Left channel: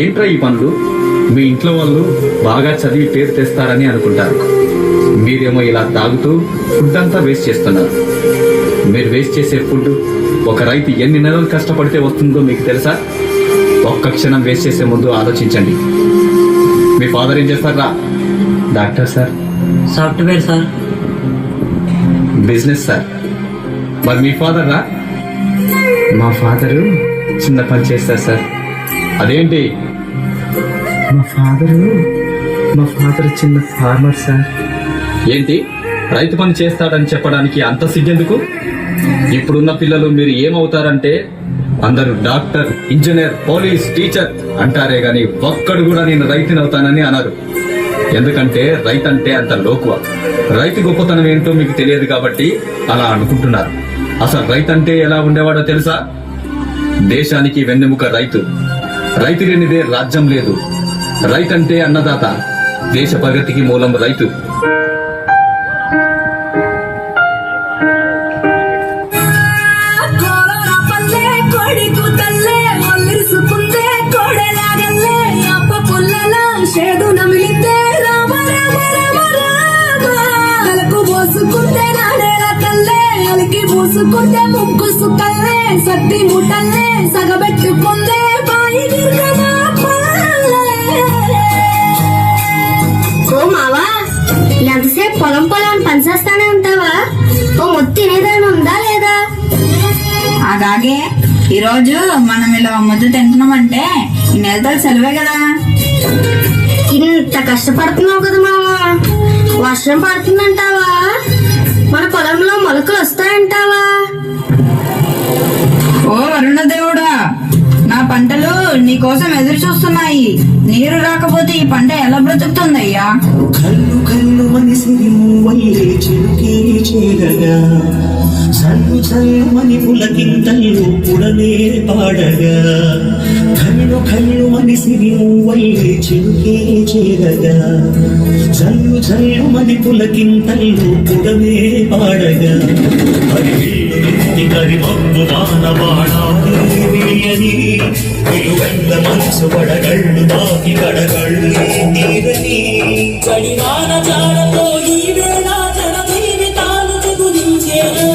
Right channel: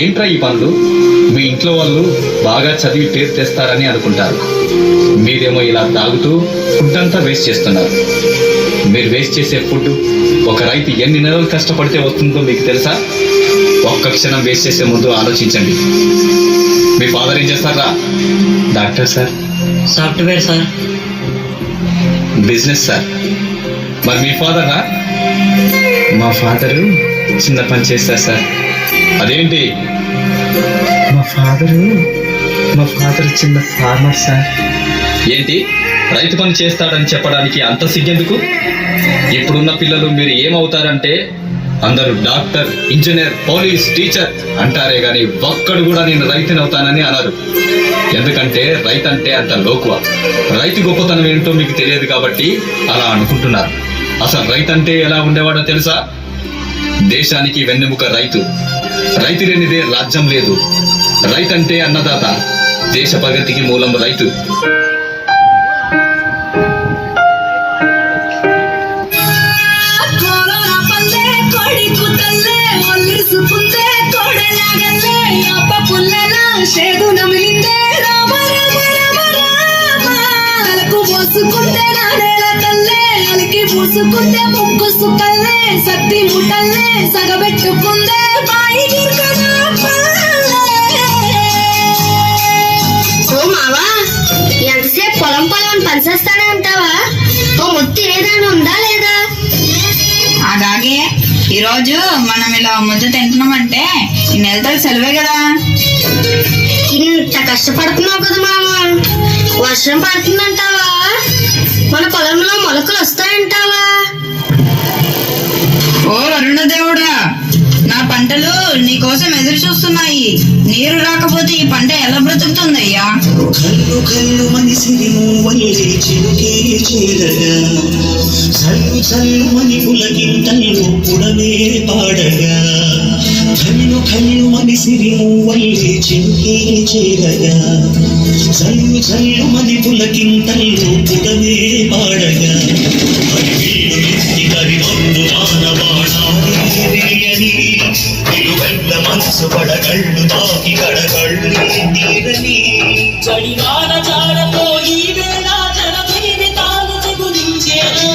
ఏంట్రా ఈ పనులు? మీ ఇంట్లో వాళ్ళు బాగా చదివి పేరు తెస్తారని అనుకుంటారు. మీరేమో ఇలా తాగుతూ ఫుడ్ అంతా వేస్ట్ చేస్తున్నారు. మీరు వేస్ట్ చేసే ఫుడ్ ఒక రైతు ఎన్ని నెలలు కష్టపడితే వస్తుందో మీకు తెలుసా? ఒక్క క్షణం వేస్ట్ చేసే ముందు ఆలోచించండి. మీ ఫాదర్ ఏం చేస్తారా? Doctor sir. Software sir. Business sir. మరి మీ ఫాదర్ రా? మా ఫాదరు చిన్న పని చేస్తారు సార్. అదేంటి? మా ఫాదర్ చిన్న ఫార్మర్ సార్. ఏంటి రైతు పని చేస్తాడని చెప్పడానికి అంత సిగ్గెందుకు? ఇప్పుడున్న పిల్లలు మీరు ఏమవుతారంటే అందరూ డాక్టర్, ఇంజనీర్, పోలీస్, టీచర్ అంటారే గాని ఒక్కడు కూడా నేను రైతుని అవుతానని అనరు. ఎందుకంటే రైతు అంటే అంత లోకువ. రైతు గొప్పతనం ఏంటో మీకు తెలియదు కాబట్టి అలా అనుకుంటున్నారు. అసలు రైతు అంటే ఎలా ఉండేవాడో తెలుసా? దేశానికి వెన్నెముక రైతు. రైతు లేనిదే రాజ్యం లేదు. రైతు అంటే అన్నదాత. దేశ ప్రగతికి మూలం రైతు. షేడు నమిలితే రామ రామ రామ రామ తలకు పోసుకుంటే నాడేల కల్లే అలికి పూసుకుంటే ముగ్గు సుకల్లే సత్తి ముట్టల్లే సగబెట్టుకుంటే బాయి దుర్గమ్మ. ఓ మావా, ఎంతసేపు పొలం పొలం పనిచేస్తానే ఉంటావా? ఓ ముత్తి తినేదాన్ని ఉందా లేదా? అలాగే ఈరోజు మనం ఇలా ముద్ద తింటున్నామంటే ఈ నెలతో సెలవే కదా. ఇంత కష్టపడుతున్నావు కదా మావా, వర్షం పడుతుందంటావా? మన పొలంలో మొలకలు వస్తాయంటావా? ఓ వరుణ దేవుడా, నా పంటలు నీ కోసం ఎదురు చూస్తున్నాయి. నీరు రాకపోతే ఈ పంట ఎలా బ్రతుకుతుందయ్యా? కల్లు కల్లు మనిసిరి వల్లే చిలికి చేరగా చల్లు చల్లు మని పులకింతల్లు పుడనే పాడగా కల్లు కల్లు మనిసిరి వల్లే చిలికి చేరగా చల్లు చల్లు మని పులకింతల్లు పుడనే పాడగా హరివిల్లు ఎత్తి హరిమందు మానవాడాలి వెలుగండ మనసు పడగళ్ళు తాకి కడగళ్ళు నీరని చడివాన జాడతో ఈ వేళ జన జీవితాలు చెగురించేను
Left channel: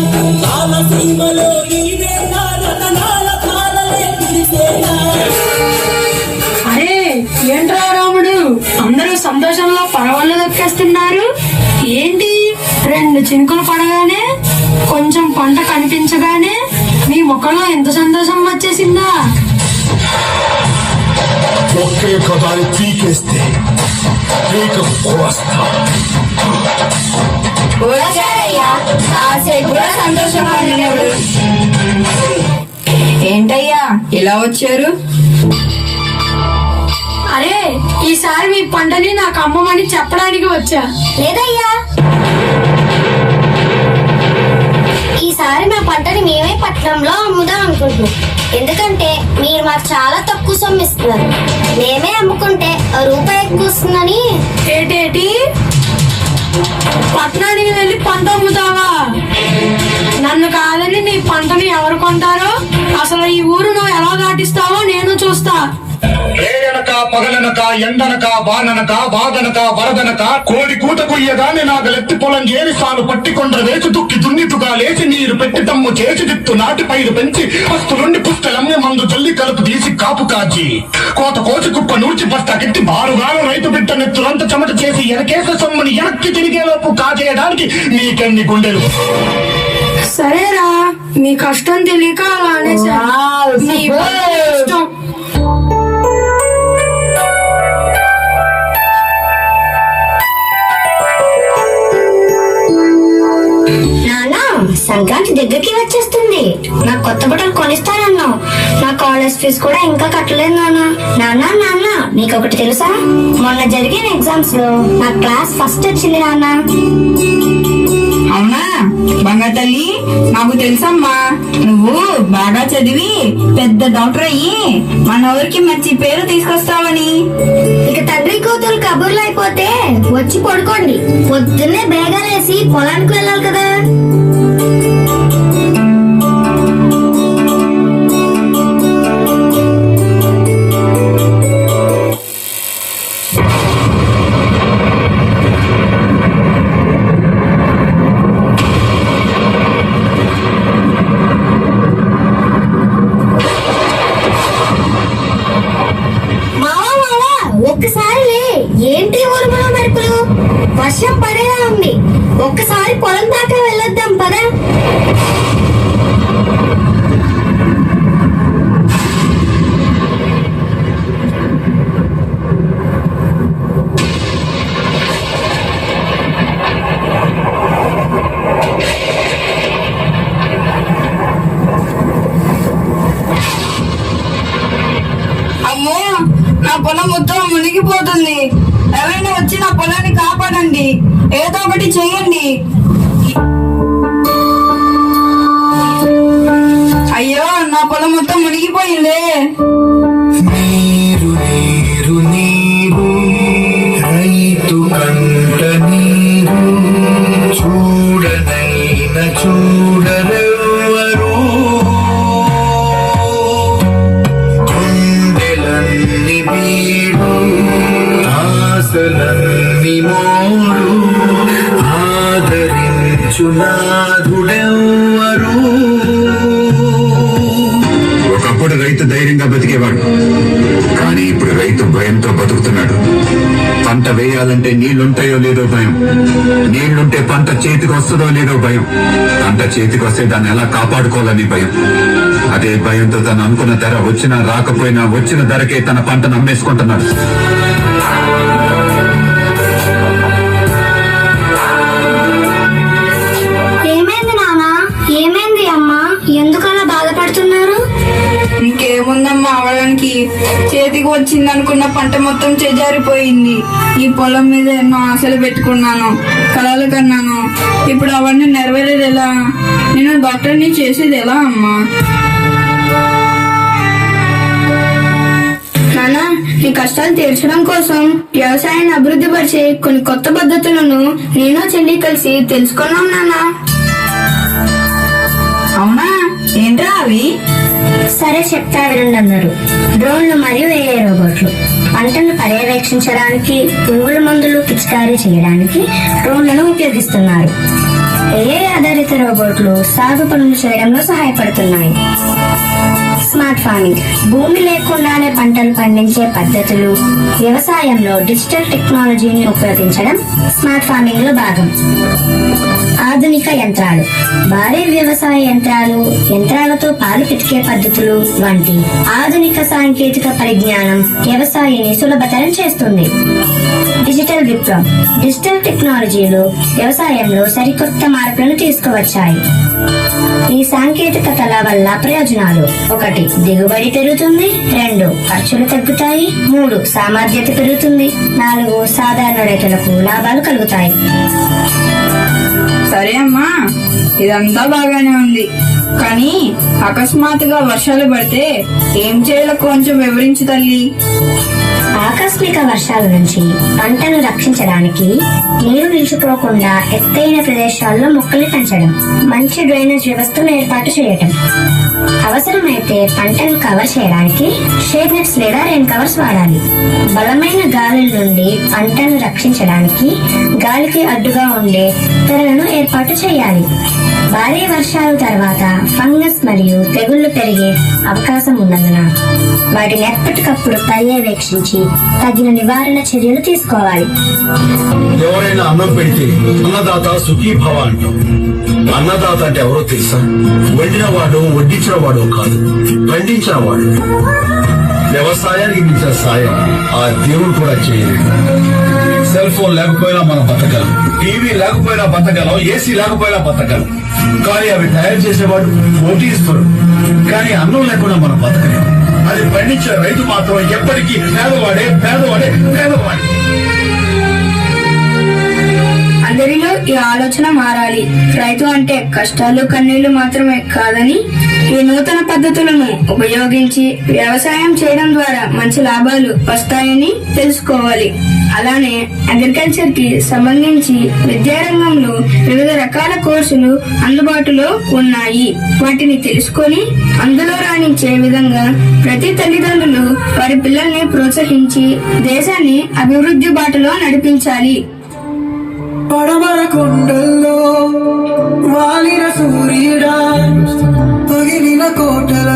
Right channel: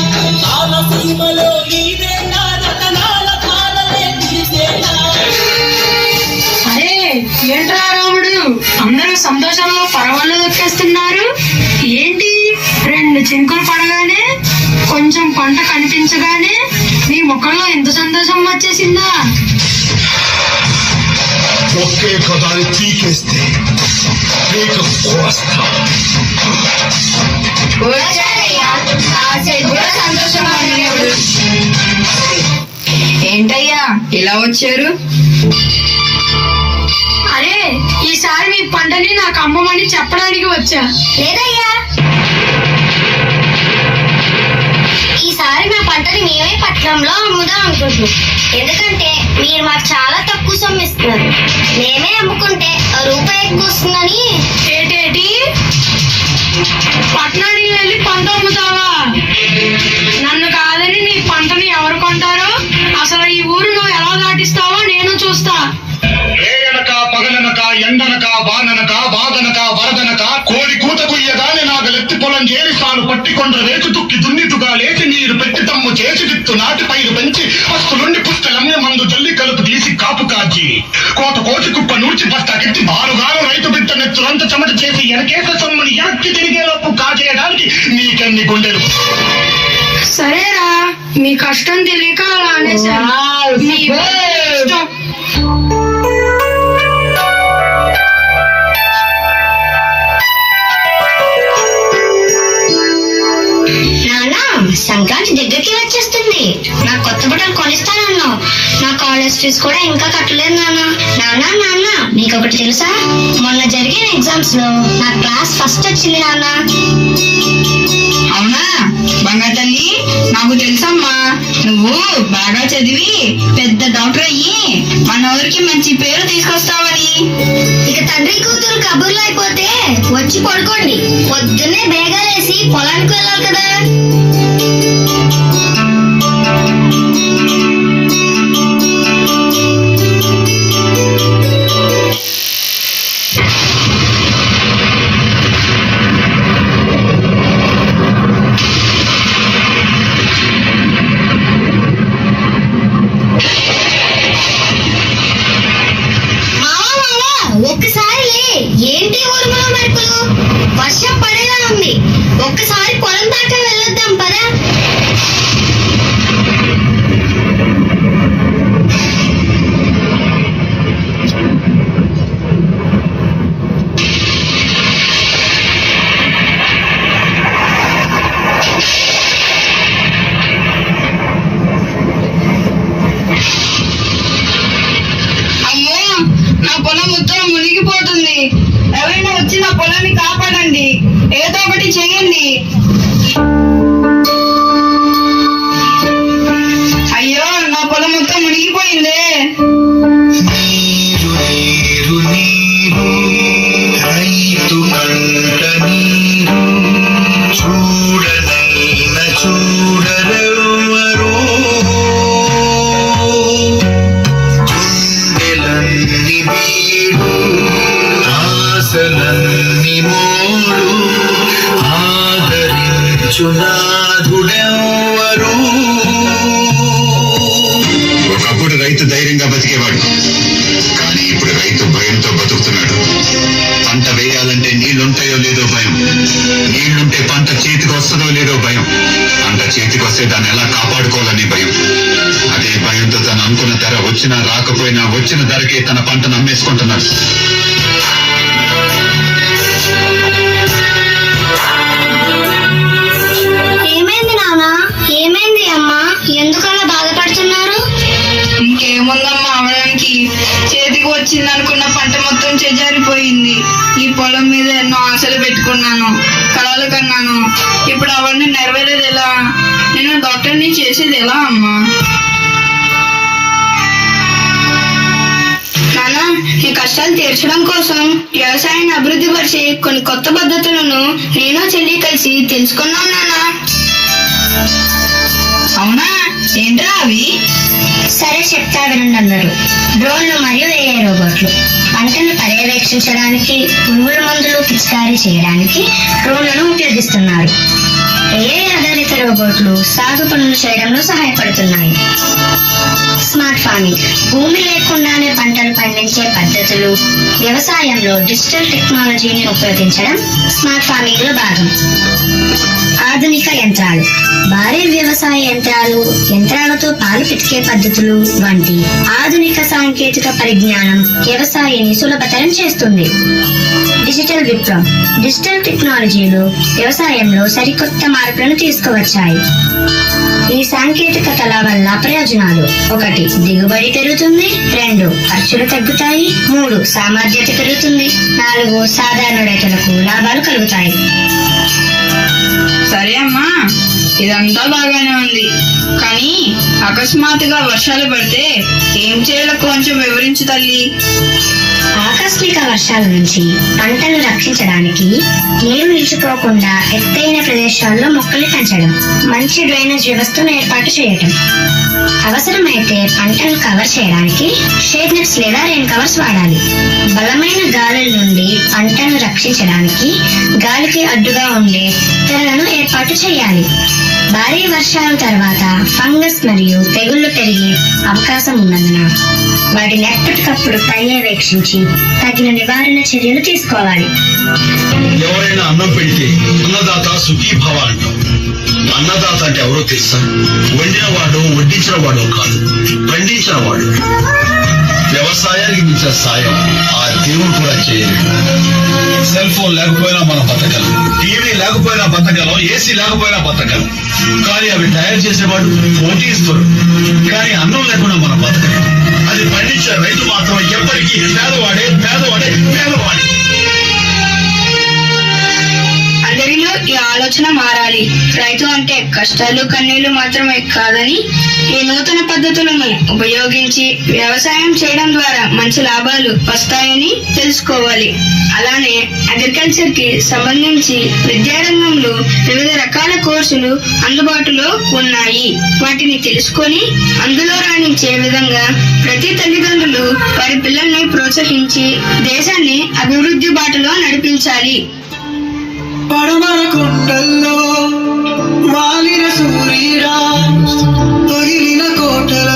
కాలసీమలో ఈ వేళ రతనాల కాలలే కురిసేనా. అరే ఏంట్రా రాముడు, అందరూ సంతోషంలో పరవాళ్ళు దొక్కేస్తున్నారు ఏంటి? 2 చినుకులు పడగానే కొంచెం పంట కనిపించగానే మీ ముఖంలో ఎంత సంతోషం వచ్చేసిందా? ఒకే కదాన్ని తీకేస్తే ఏంటయ్యా ఇలా వచ్చారు? అరే ఈసారి మీ పంటని నాకు అమ్మమని చెప్పడానికి వచ్చా. లేదయ్యా, ఈసారి మా పంటని మేమే పట్టణంలో అమ్ముదాం అనుకుంటున్నాం. ఎందుకంటే మీరు మాకు చాలా తక్కువ సొమ్ము ఇస్తున్నారు. మేమే అమ్ముకుంటే రూపాయి ఎక్కువ వస్తుందని. ఏటేటి పట్టణానికి వెళ్ళి పంట అమ్ముతావా? నన్ను కాదని నీ పంటని ఎవరు కొంటారో? అసలు ఈ ఊరు నువ్వు ఎలా దాటిస్తావో నేను చూస్తా. రేయనక పగలనక ఎండనక వాననక బాధనక వరదనక కోడి కూత కుయ్యగానే నాగలెత్తి పొలం చేరి సాను పట్టికొండ్ర వేసి తుక్కి దున్నితుగా లేచి నీరు పెట్టి తమ్ము చేసి విత్తు నాటి పైరు పెంచి పస్తులుండి పుస్తలమ్మే మందు జల్లి కలుపు తీసి కాపు కాచి కోత కోచి కుప్ప నూర్చి బస్తాకెత్తి బారుగాను రైతు బిడ్డ నెత్తురంత చెమట చేసి ఎనకేసే సొమ్ముని ఎనక్కి తిరిగేలోపు కాజేయడానికి నీకెన్ని గుండెలు. సరేరా, మీ కష్టం తెలియక అలా అనేసాను. మీ ఇష్టం. సంక్రాంతి దగ్గరికి వచ్చేస్తుంది. నాకు కొత్త బట్టలు కొనిస్తానన్నా. నా కాలేజ్ ఫీజు కూడా ఇంకా కట్టలేదు నాన్న. నాన్న నాన్న నీకు ఒకటి తెలుసా? మొన్న జరిగిన ఎగ్జామ్స్ లో నా క్లాస్ ఫస్ట్ వచ్చింది నాన్న. అవునా బంగారు తల్లి, నాకు తెలుసమ్మా. నువ్వు బాగా చదివి పెద్ద డాక్టర్ అయ్యి మన ఊరికి మంచి పేరు తీసుకొస్తావని. ఇక తండ్రి కూతురు కబుర్లు అయిపోతే వచ్చి పడుకోండి. పొద్దున్నే బేగాలేసి పొలానికి వెళ్ళాలి కదా. చేయండి. అయ్యో, నా పొలం మొత్తం మునిగిపోయిందే. నీరు నీరు నీరు రైతు కంట నీరు చూడనైన చూడరెవ్వరు గుండెలన్ని బీడు ఆశలన్ని మోడు ఆదరించునాథుడెవ్వరు. ఒకప్పుడు రైతు ధైర్యంగా బతికేవాడు, కానీ ఇప్పుడు రైతు భయంతో బతుకుతున్నాడు. పంట వేయాలంటే నీళ్లుంటాయో లేదో భయం, నీళ్లుంటే పంట చేతికి వస్తుందో లేదో భయం, పంట చేతికి వస్తే దాన్ని ఎలా కాపాడుకోవాలని భయం. అదే భయంతో తను అనుకున్న ధర వచ్చినా రాకపోయినా వచ్చిన ధరకే తన పంటను అమ్మేసుకుంటున్నాడు. ఏమైంది నాన్న? ఏమైంది అమ్మా? ఎందుకలా బాధపడుతున్నారు? ఇంకేముందమ్మా అవడానికి, చేతికి వచ్చింది అనుకున్న పంట మొత్తం చెజారిపోయింది. ఈ పొలం మీద ఎన్నో ఆశలు పెట్టుకున్నాను, కలలు కన్నాను. ఇప్పుడు అవన్నీ నెరవేరేది ఎలా? నేను డాక్టర్ని చేసేది ఎలా అమ్మా? నాన్న, ఈ కష్టాలు తీర్చడం కోసం వ్యవసాయాన్ని అభివృద్ధి పరిచే కొన్ని కొత్త పద్ధతులను నేను చెల్లి కలిసి తెలుసుకున్నాం నాన్న. అవునా? ఏంట్రా అవి? సరే చెప్తా వినండి అందరూ. డ్రోన్లు మరియు ఏఐ రోబోట్లు. పంటను పర్యవేక్షించడానికి, పురుగుల మందులు పిచికారీ చేయడానికి డ్రోన్లను ఉపయోగిస్తున్నారు. ఏఐ ఆధారిత రోబోట్లు సాగు పనులు చేయడంలో సహాయపడుతున్నాయి. Smart farming. భూమి లేకుండానే పంటలు పండించే పద్ధతులు. వ్యవసాయంలో డిజిటల్ టెక్నాలజీని ఉపయోగించడం స్మార్ట్ ఫార్మింగ్ లో భాగం. ఆధునిక యంత్రాలు. భారీ వ్యవసాయ యంత్రాలు, యంత్రాలతో పాలు పితికే పద్ధతులు వంటి ఆధునిక సాంకేతిక పరిజ్ఞానం వ్యవసాయాన్ని సులభతరం చేస్తుంది. డిజిటల్ విప్లవం. డిజిటల్ టెక్నాలజీలు వ్యవసాయంలో సరికొత్త మార్పులను తీసుకువచ్చాయి. ఈ సాంకేతికతల వల్ల ప్రయోజనాలు: 1. దిగుబడి పెరుగుతుంది. 2. ఖర్చులు తగ్గుతాయి. 3. సామర్థ్యత పెరుగుతుంది. 4. సాధారణ రైతులకు లాభాలు కలుగుతాయి. సరే అమ్మా, ఇదంతా బాగానే ఉంది, కానీ అకస్మాత్తుగా వర్షాలు పడితే ఏం చేయాలో కొంచెం వివరించు తల్లి. ఆకస్మిక వర్షాల నుంచి పంటను రక్షించడానికి నీరు నిలిచిపోకుండా ఎత్తైన ప్రదేశాల్లో మొక్కలు పెంచడం, మంచి డ్రైనేజ్ వ్యవస్థను ఏర్పాటు చేయటం. అవసరమైతే పంటను కవర్ చేయడానికి షేడ్ నెట్స్ లేదా రెయిన్ కవర్స్ వాడాలి. బలమైన గాలుల నుండి పంటను రక్షించడానికి గాలికి అడ్డుగా ఉండే తెరలను ఏర్పాటు చేయాలి. భారీ వర్షాల తర్వాత ఫంగస్ మరియు తెగుళ్లు పెరిగే అవకాశం ఉన్నందున వాటిని ఎప్పటికప్పుడు పర్యవేక్షించి తగిన నివారణ చర్యలు తీసుకోవాలి. ఎవరైనా అన్నం పెడితే అన్నదాత సుఖీభవ అంటారు. అన్నదాత అంటే ఎవరో తెలుసా? వండిన వాడు, వడ్డించిన వాడు కాదు, పండించిన వాడు. వ్యవసాయానికి మించిన సాయం ఆ దేవుడు కూడా చేయలేడు. సెల్ ఫోన్ లేకపోయినా మనం బతకలం, టీవీ లేకపోయినా బతకలం, ఏసీ లేకపోయినా బతకలం. కానీ అవి తయారు చేసేవాడు పోటీ ఇస్తాడు. కానీ అన్నం లేకుండా మనం బతకలేం. అది పండించిన రైతు మాత్రం ఎప్పటికీ పేదవాడే పేదవాడే పేదవాడే. అందరిలో ఈ ఆలోచన మారాలి. రైతు అంటే కష్టాలు కన్నీళ్లు మాత్రమే కాదని, ఈ నూతన పద్ధతులను ఉపయోగించి వ్యవసాయం చేయడం ద్వారా మంచి లాభాలు వస్తాయని తెలుసుకోవాలి. అలానే అగ్రికల్చర్ కి సంబంధించి విద్యారంగంలో వివిధ రకాల కోర్సులు అందుబాటులో ఉన్నాయి. వాటిని తెలుసుకొని అందులో రాణించే విధంగా ప్రతి తల్లిదండ్రులు వారి పిల్లల్ని ప్రోత్సహించి దేశాన్ని అభివృద్ధి బాటలో నడిపించాలి. పడమర కొండల్లో వాలిన సూర్యుడా, పగిలిన కోటల